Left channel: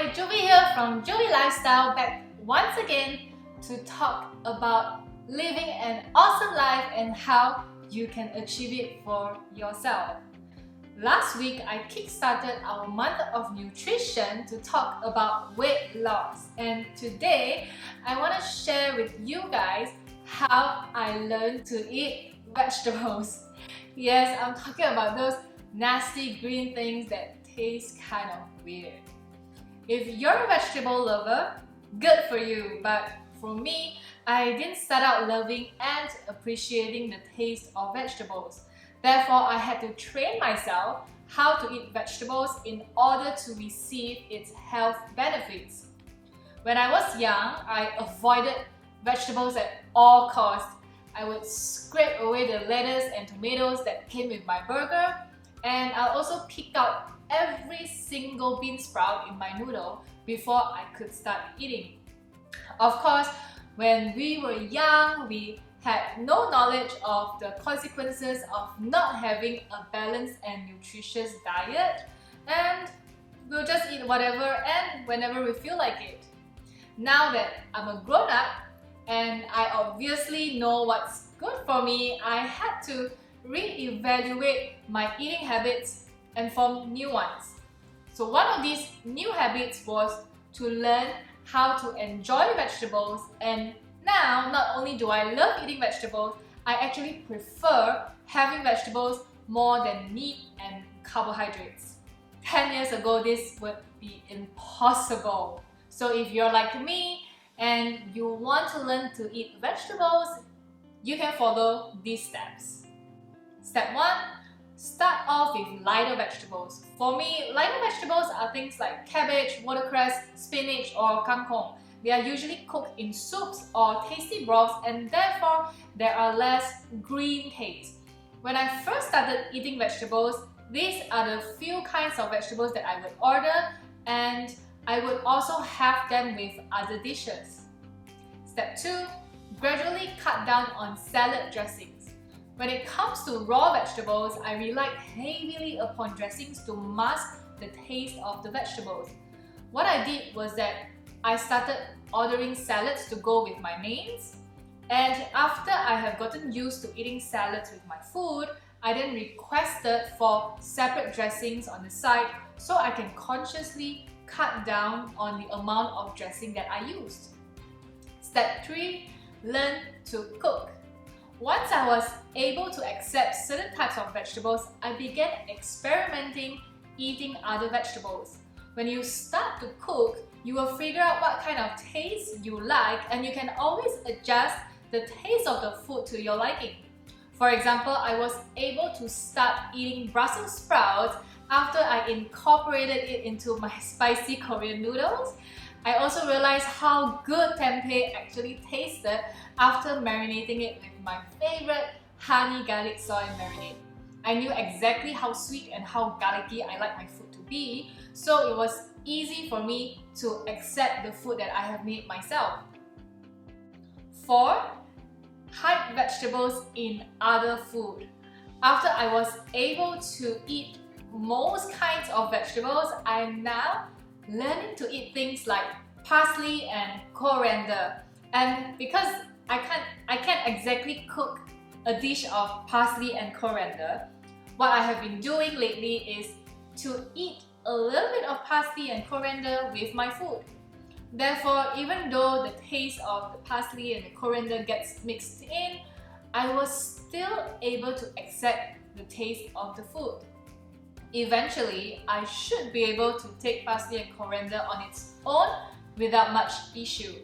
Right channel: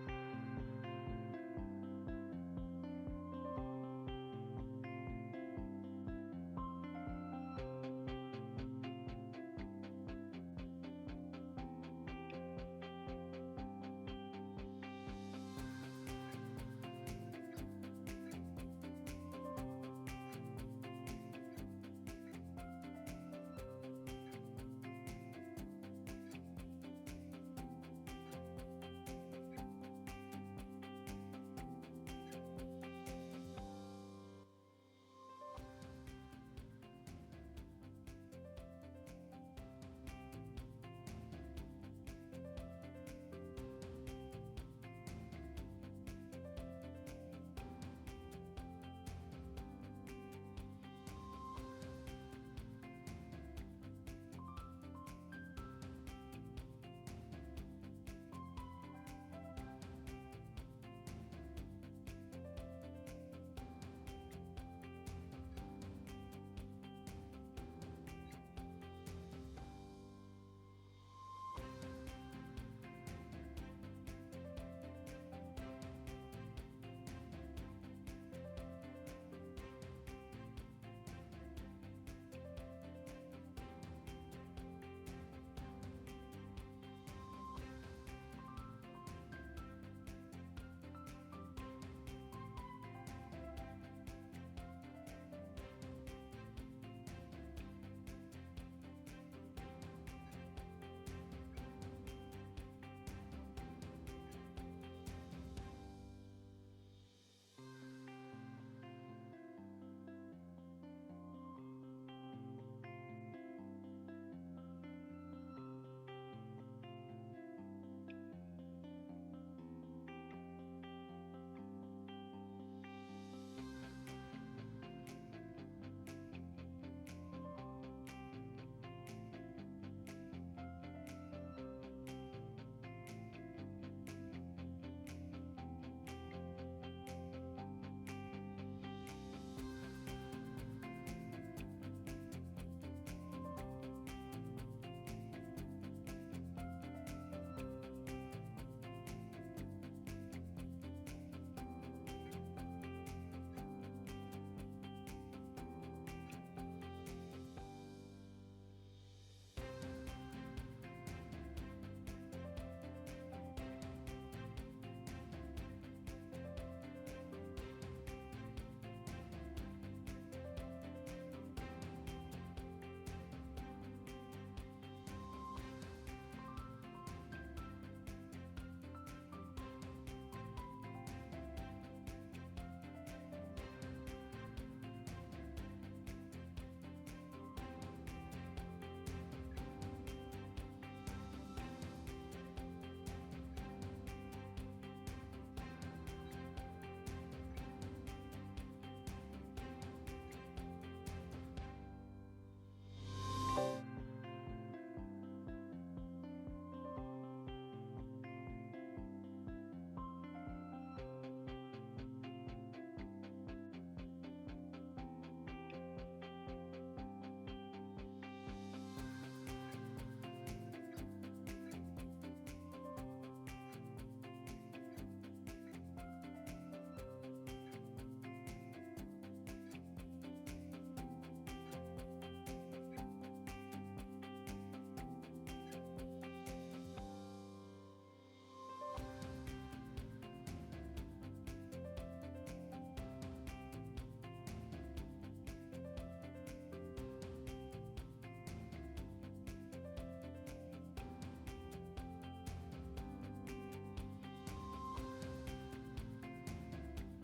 Hi, Jovi here from Jovi Lifestyle, back once again to talk about living an awesome life and how you can achieve it for yourself. Last week, I kickstarted our month of nutrition to talk about weight loss, and today I want to share with you guys how I learned to eat vegetables. Yes, I'm talking about those nasty green things that taste kind of weird. If you're a vegetable lover, good for you, but for me, I didn't start out loving and appreciating the taste of vegetables. Therefore, I had to train myself how to eat vegetables in order to receive its health benefits. When I was young, I avoided vegetables at all costs. I would scrape away the lettuce and tomatoes that came with my burger, and I'll also pick out every single bean sprout in my noodle before I could start eating. Of course, when we were young, we had no knowledge of the consequences of not having a balanced and nutritious diet, and we'll just eat whatever and whenever we feel like it. Now that I'm a grown-up and I obviously know what's good for me, I had to re-evaluate my eating habits and form new ones. So one of these new habits was to learn how to enjoy vegetables, and now not only do I love eating vegetables, I actually prefer having vegetables more than meat and carbohydrates. 10 years ago, this would be impossible. So if you're like me and you want to learn to eat vegetables, you can follow these steps. Step 1. Start off with lighter vegetables. For me, lighter vegetables are things like cabbage, watercress, spinach, or kangkong. They are usually cooked in soups or tasty broths, and therefore there are less green taste. When I first started eating vegetables, these are the few kinds of vegetables that I would order, and I would also have them with other dishes. Step 2. Gradually cut down on salad dressings. When it comes to raw vegetables, I relied heavily upon dressings to mask the taste of the vegetables. What I did was that I started ordering salads to go with my mains, and after I have gotten used to eating salads with my food, I then requested for separate dressings on the side so I can consciously cut down on the amount of dressing that I used. Step 3. Learn to cook. Once I was able to accept certain types of vegetables, I began experimenting eating other vegetables. When you start to cook, you will figure out what kind of taste you like, and you can always adjust the taste of the food to your liking. For example, I was able to start eating Brussels sprouts after I incorporated it into my spicy Korean noodles. I also realized how good tempeh actually tasted after marinating it with my favorite honey garlic soy marinade. I knew exactly how sweet and how garlicky I like my food to be, so it was easy for me to accept the food that I have made myself. 4. Hide vegetables in other food. After I was able to eat most kinds of vegetables, I am now learning to eat things like parsley and coriander. And because I can't exactly cook a dish of parsley and coriander, what I have been doing lately is to eat a little bit of parsley and coriander with my food. Therefore, even though the taste of the parsley and the coriander gets mixed in, I was still able to accept the taste of the food. Eventually, I should be able to take parsley and coriander on its own without much issue.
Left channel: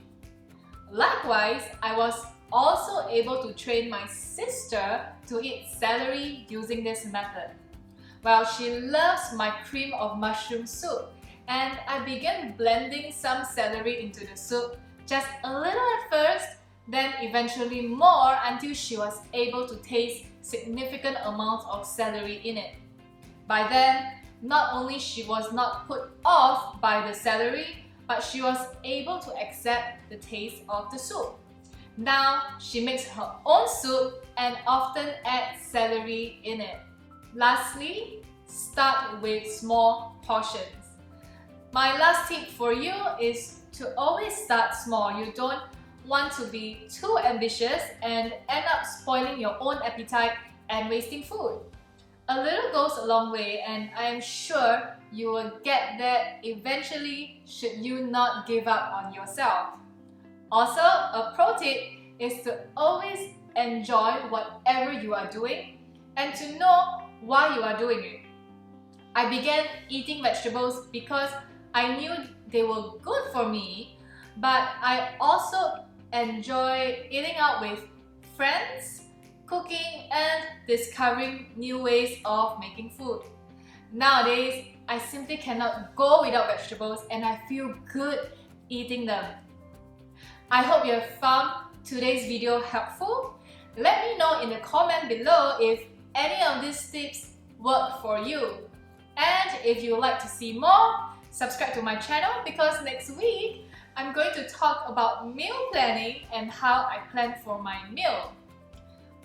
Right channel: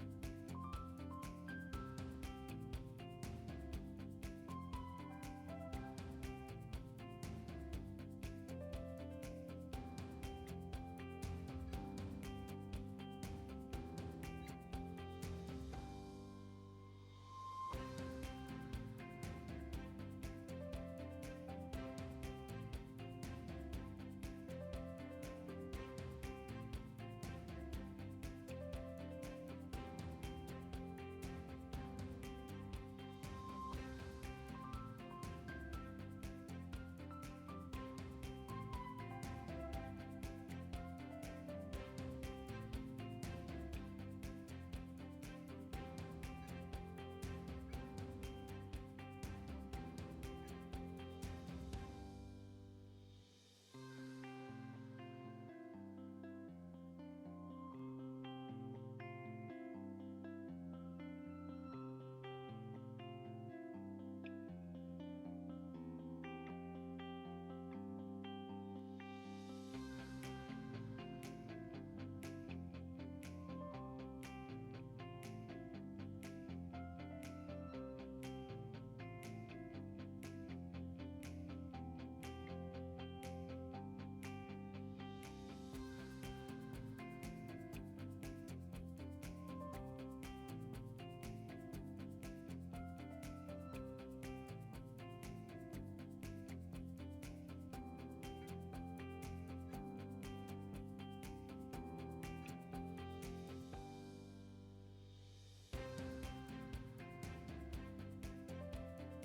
Likewise, I was also able to train my sister to eat celery using this method. Well, she loves my cream of mushroom soup, and I began blending some celery into the soup, just a little at first, then eventually more until she was able to taste significant amounts of celery in it. By then, not only she was not put off by the celery, but she was able to accept the taste of the soup. Now, she makes her own soup and often adds celery in it. Lastly, start with small portions. My last tip for you is to always start small. You don't want to be too ambitious and end up spoiling your own appetite and wasting food. A little goes a long way, and I am sure you will get there eventually should you not give up on yourself. Also, a pro tip is to always enjoy whatever you are doing and to know why you are doing it. I began eating vegetables because I knew they were good for me, but I also enjoy eating out with friends, cooking, and discovering new ways of making food. Nowadays, I simply cannot go without vegetables and I feel good eating them. I hope you have found today's video helpful. Let me know in the comment below if any of these tips work for you. And if you would like to see more, subscribe to my channel because next week I'm going to talk about meal planning and how I plan for my meal.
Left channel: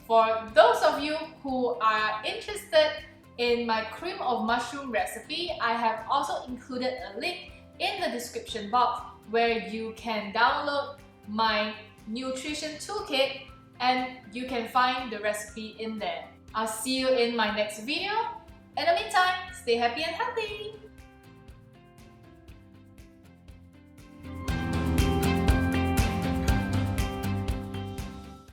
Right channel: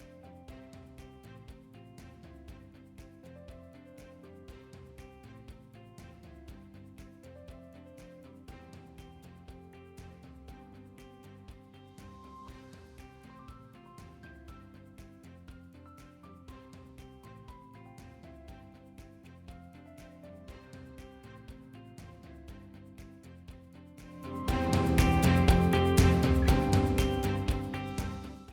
For those of you who are interested in my cream of mushroom recipe, I have also included a link in the description box where you can download my nutrition toolkit and you can find the recipe in there. I'll see you in my next video. In the meantime, stay happy and healthy!